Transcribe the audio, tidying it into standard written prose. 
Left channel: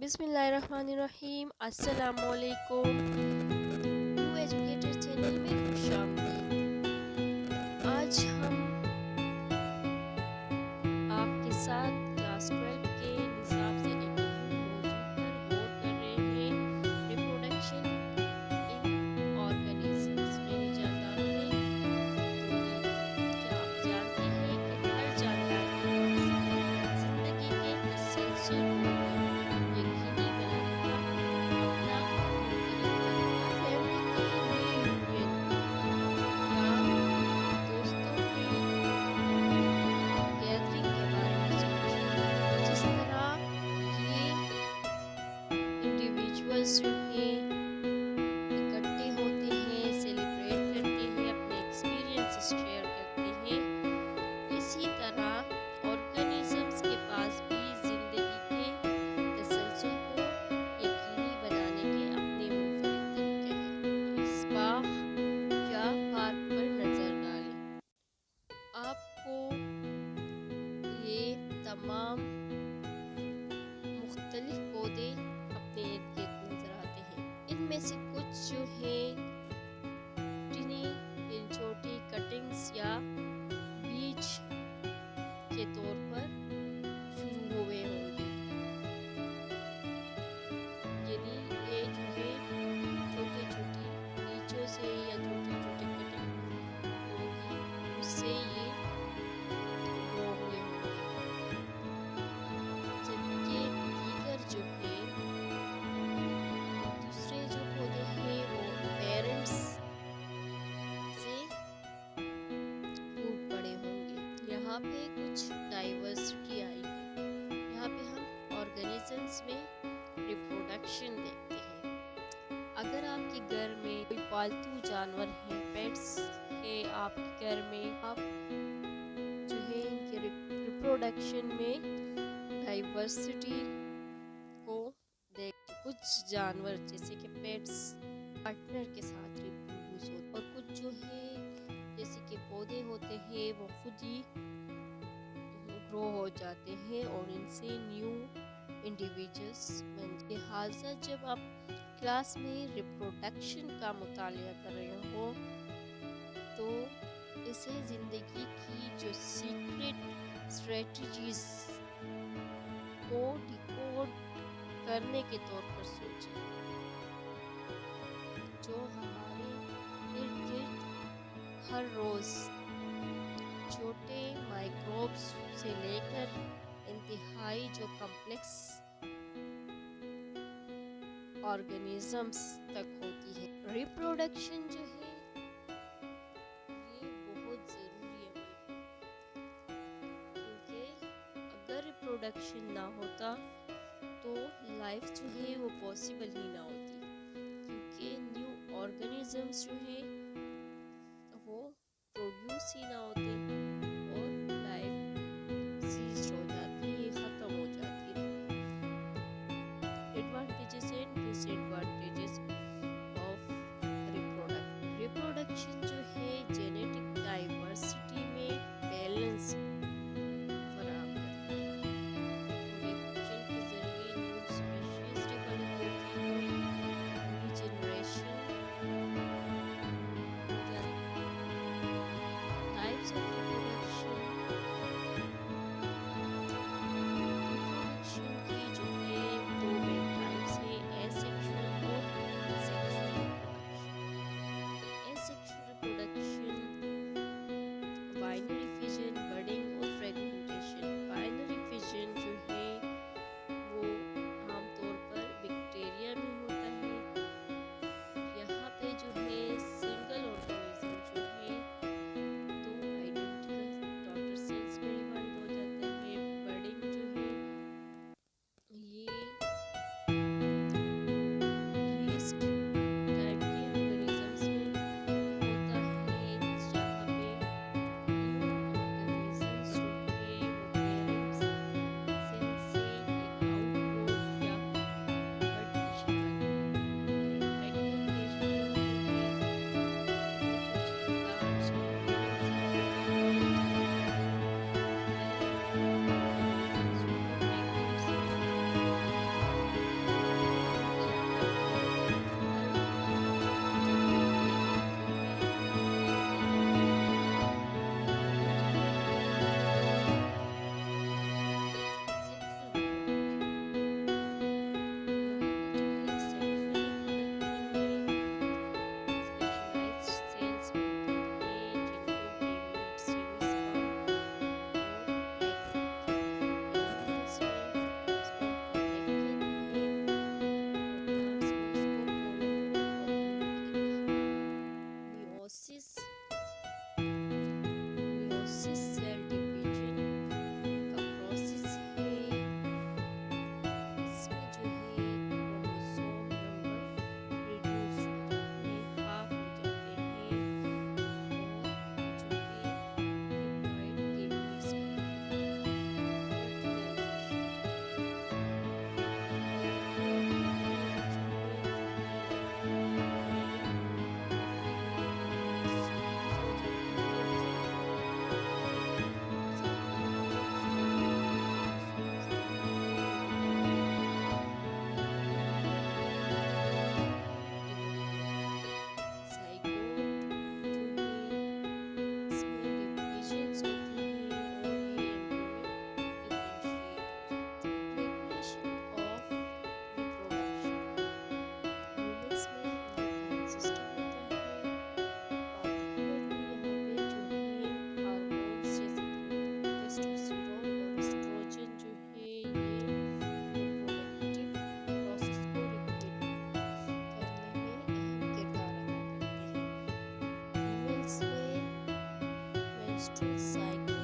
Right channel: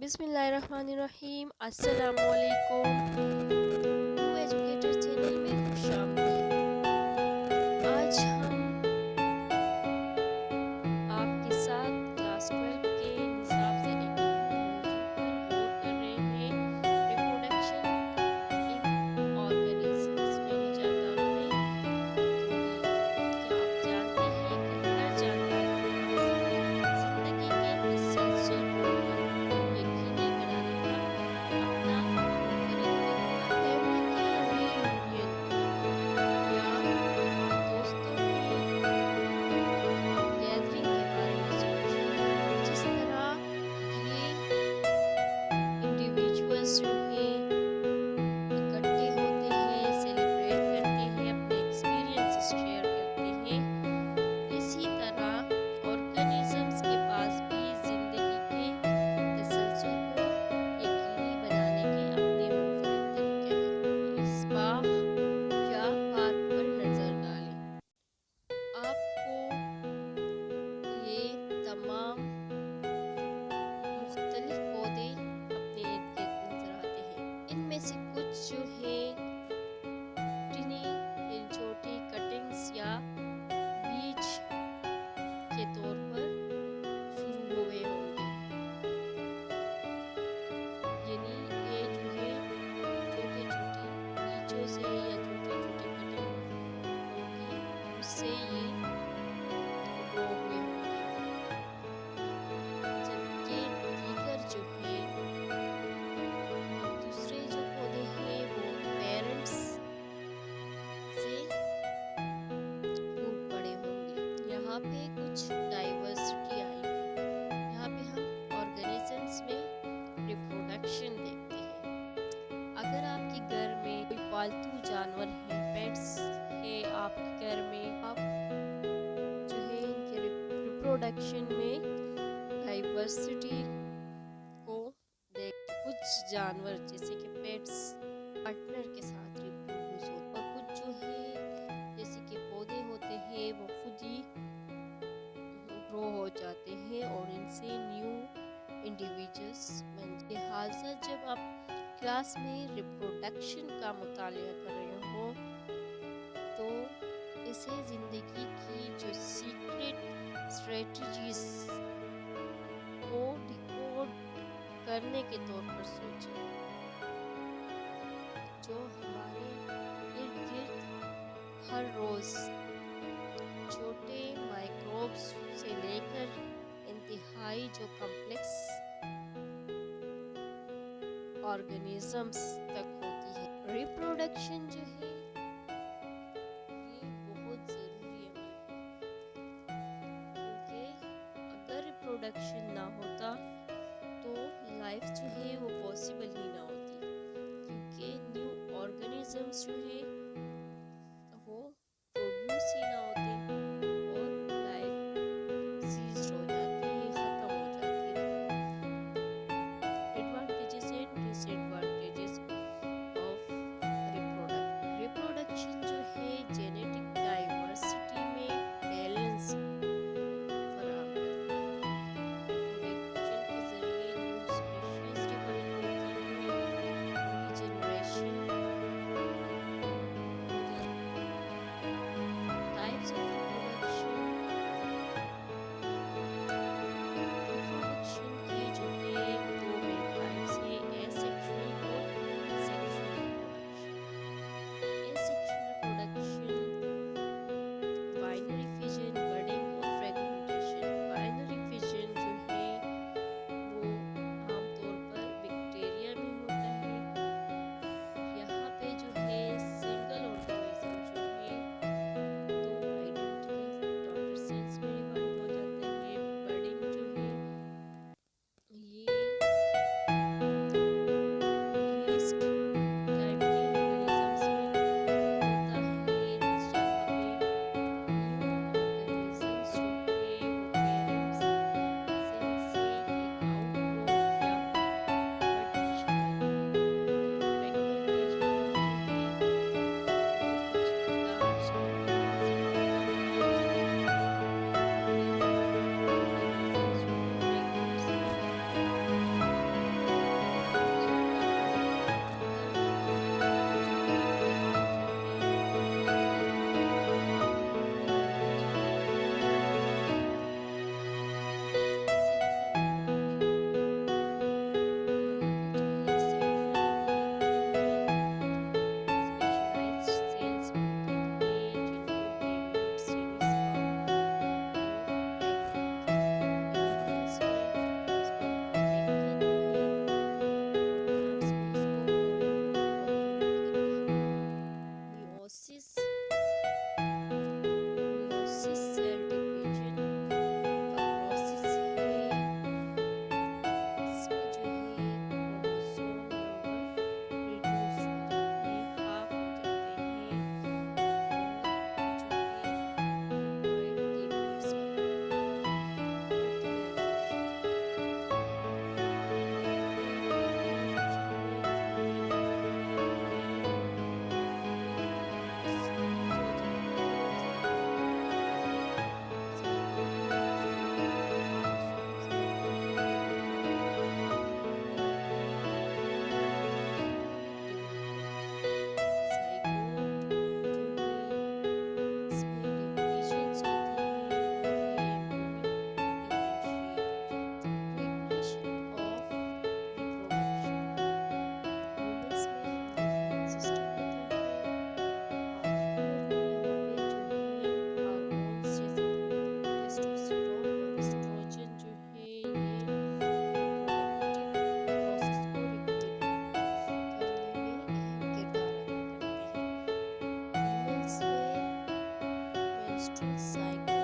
बिस्मिल्लाहिर्रहमानिर्रहीम। अस्सलामुअलैकुम। New educator channel में खुशामदीद। आज हम आपके साथ क्लास 12 के निसाब से एक अहम मौजू पर गौर कर रहे हैं, रिप्रोडक्शन इन ऑर्गेनिजम्स यानी जानदारों में तौलीद। क्या आप जानते हैं कि हर जानदार के पास जिंदगी के तसलसल को यकीनी बनाने का अपना मुनफरिद तरीका है। फैमिली के रीयूनियन या दोस्तों के गैदरिंग के बारे में सोचिए। जिस तरह ये इंडिविजुअल्स जो हैं इकट्ठे होते हैं, सेलिब्रेट करते हैं, अपने एक्सपीरियंसेस शेयर करते हैं, इसी तरह ऑर्गेनिजम्स के पास भी जिंदगी के तसलसल को यकीनी बनाने के अपने मुनफरिद तरीके हैं। इस बाग या पार्क पर नज़र डालें, आपको ये तमाम मुख्तलिफ पौधे अपने इर्द गिर्द नजर आते हैं। इनमें से कुछ जो हैं टिनी इन छोटी कटिंग्स या बीज के तौर पर शुरू हुए होंगे, यानी ये जो है छोटे छोटे बीजों से या छोटे छोटे कटिंग होंगी, उससे ये ग्रो हुए होंगे। जबकि दीगर जो है दूसरे जो पौधे हैं वो पेरेंट्स से फूट पड़े होंगे। यहाँ पे कुछ डाइवर्सिटी आई है। यहाँ पे हम ऑर्गेनिजम्स में रिप्रोडक्शन देखते हैं। अगर आपके घर में कोई पालतू जानवर है, पेट्स है आपके घर में, आप जो है इनके रिप्रोडक्शन में डाइवर्सिटी को देख, कुछ जानवर जैसे कि पेट्स पार्टनर के साथ रिप्रोड्यूस होते, और कुछ जो है जैसे कि पौधे होते हैं वो खुद ही ग्रो हो जाते हैं और इनसे न्यू इंडिविजुअल्स बनते हैं। लिहाजा जब आप क्लास में रिप्रोडक्शन का मुतालिया कर रहे हो तो इसे ज़िंदगी की जो सीक्रेट स्ट्रेटजीज को डिकोड करने के तौर पर सोचें, जो हमारे इर्द गिर्द हर रोज़ छोटे माइक्रोब्स से लेकर इंतहाई जो कॉम्प्लेक्स ऑर्गेनिजम्स तक होती है। रिप्रोडक्शन जो है ये बहुत ज़रूरी अमल है, क्योंकि अगर रिप्रोडक्शन ना होता तो लाइफ जो है वो पॉसिबल ही ना होती, क्योंकि न्यू ऑर्गेनिजम्स जो है वो प्रोड्यूस ही ना होते और लाइफ सीज हो जाती है, ख़त्म हो जाती है। Advantages and disadvantages of reproduction जो है जेनेटिक डाइवर्सिटी में बैलेंस फराहम करता है। रिप्रोडक्शन के जरिए न्यू स्पीशीज डेवलप होती है, रीजनरेशन हो जाती है। टाइप्स ऑफ रिप्रोडक्शन की जो है दो मेन टाइप्स है, एसेक्सुअल और sexual reproduction. Asexual reproduction binary fission, budding और फ्रेगमेंटेशन। बाइनरी फिजन जो है वो आमतौर पर बैक्टीरिया में होता है। यहाँ पे जो है सिंगल ऑर्गेनिज्म जो है दो आइडेंटिकल डॉटर सेल्स में डिवाइड हो जाता है। बडिंग जो है ये yeast टाइप के ऑर्गेनिजम्स में होता है, जहाँ पे न्यू ऑर्गेनिजम्स जो है वो पेरेंट्स सेल से एक आउटग्रोथ या बड की शक्ल में होते हैं। फ्रेगमेंटेशन जो है वो कुछ प्लांट्स और एनिमल्स में होता है, जहाँ पे पेरेंट ऑर्गेनिजम्स जो है फ्रेगमेंट्स में menstrual cycle